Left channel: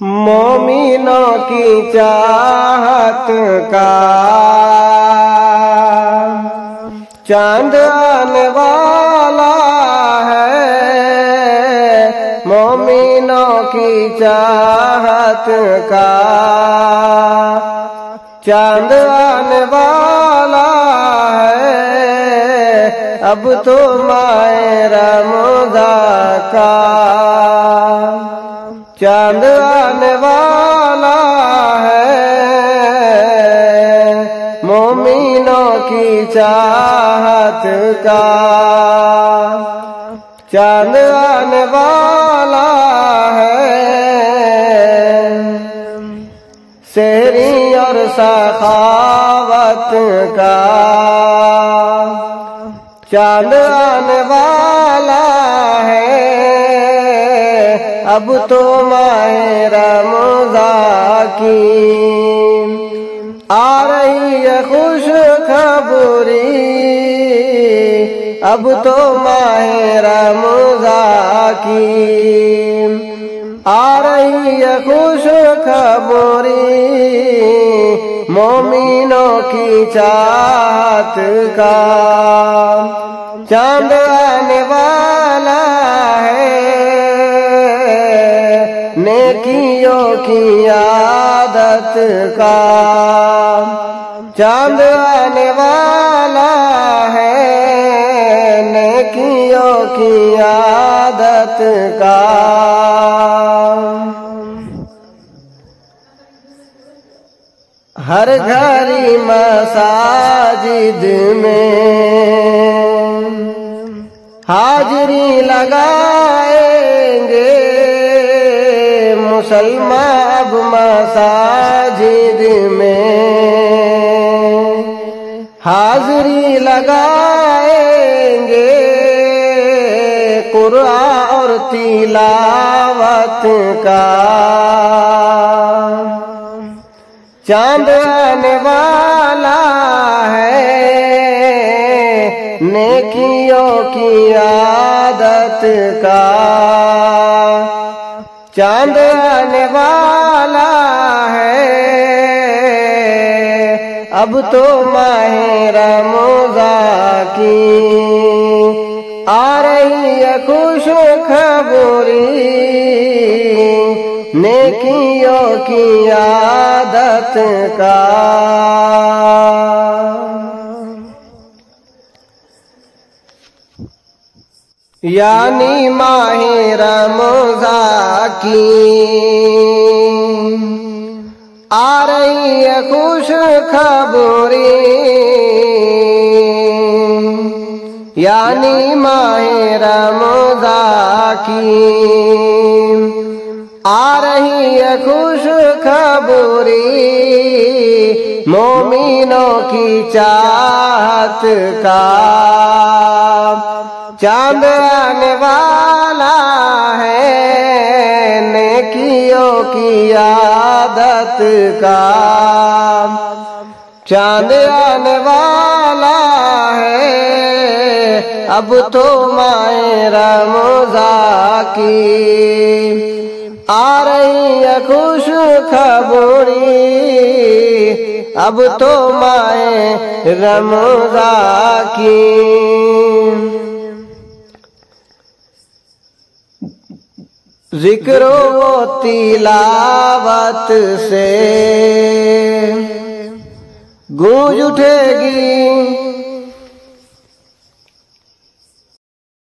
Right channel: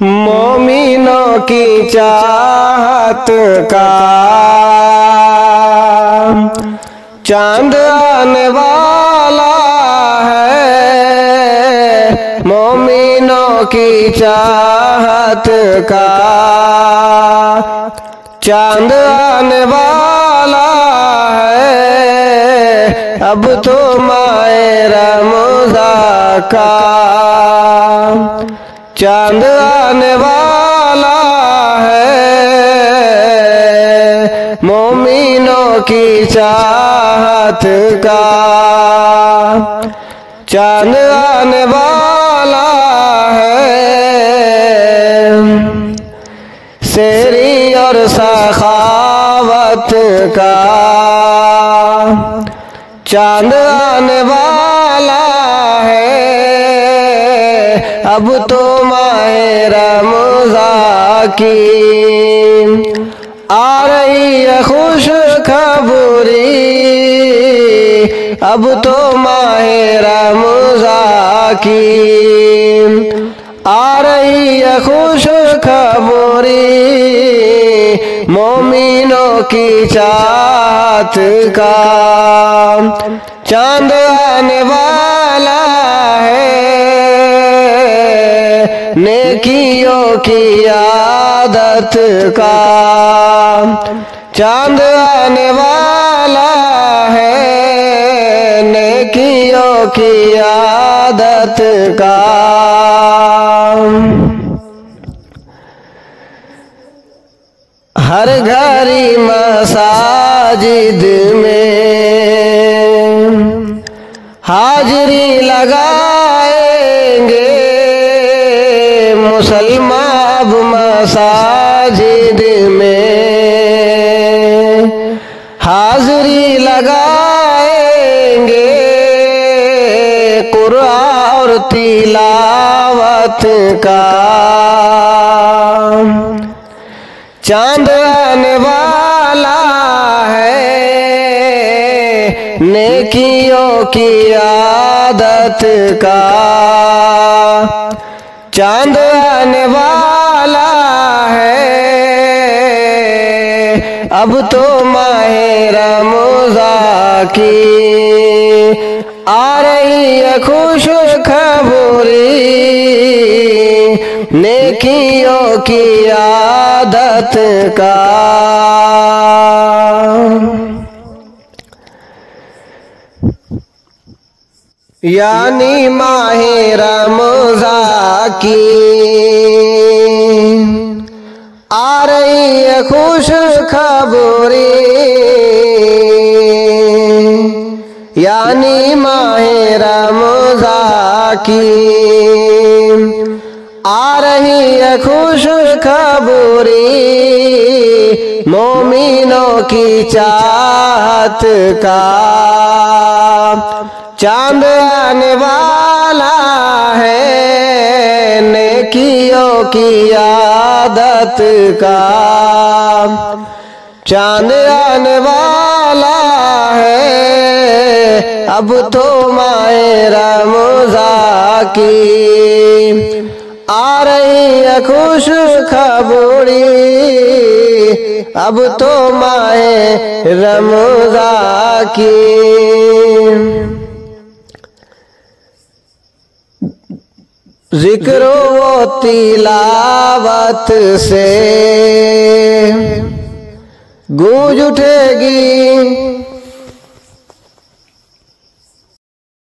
मोमिनों की चाहत का चांद आने वाला है। मोमिनों की चाहत का चांद आने वाला है। अब तो माए रमज़ान का चांद आने वाला है। मोमिनों की चाहत का चांद आने वाला है। शेरी और सखावत का चांद आने वाला है। अब तो माहे रमज़ान की आ रही है खुश खबरी। अब तो माहे रमज़ान की आ रही है खुश खबरी। मोमिनों की चाहत का चांद आने वाला है। नेकियों की आदत का चांद आने वाला है। नेकियों की आदत का हर घड़ी मसाजिद में हाजिरी लगाएंगे। मुसलमान अब मसाजिद में हाजिरी लगाएंगे। कुरान और तिलावत का चांद आने वाला है। नेकियों की आदत का चांद आने वाला है। अब तो माहे रमज़ान की आ रही है खुश खबरी। नेकियों की आदत का यानी माहे रमज़ान की आ रही है खुश खबरी। यानी माहे रमज़ान की आ रही है खुश खबरी। मोमिनों की चाहत का चांद आने वाला है। नेकियों की आदत का चांद आने वाला है। अब तो माहे रमज़ान की आ रही है खुश खबरी। अब तो माहे रमज़ान की जिक्र व तिलावत से गूंज उठेगी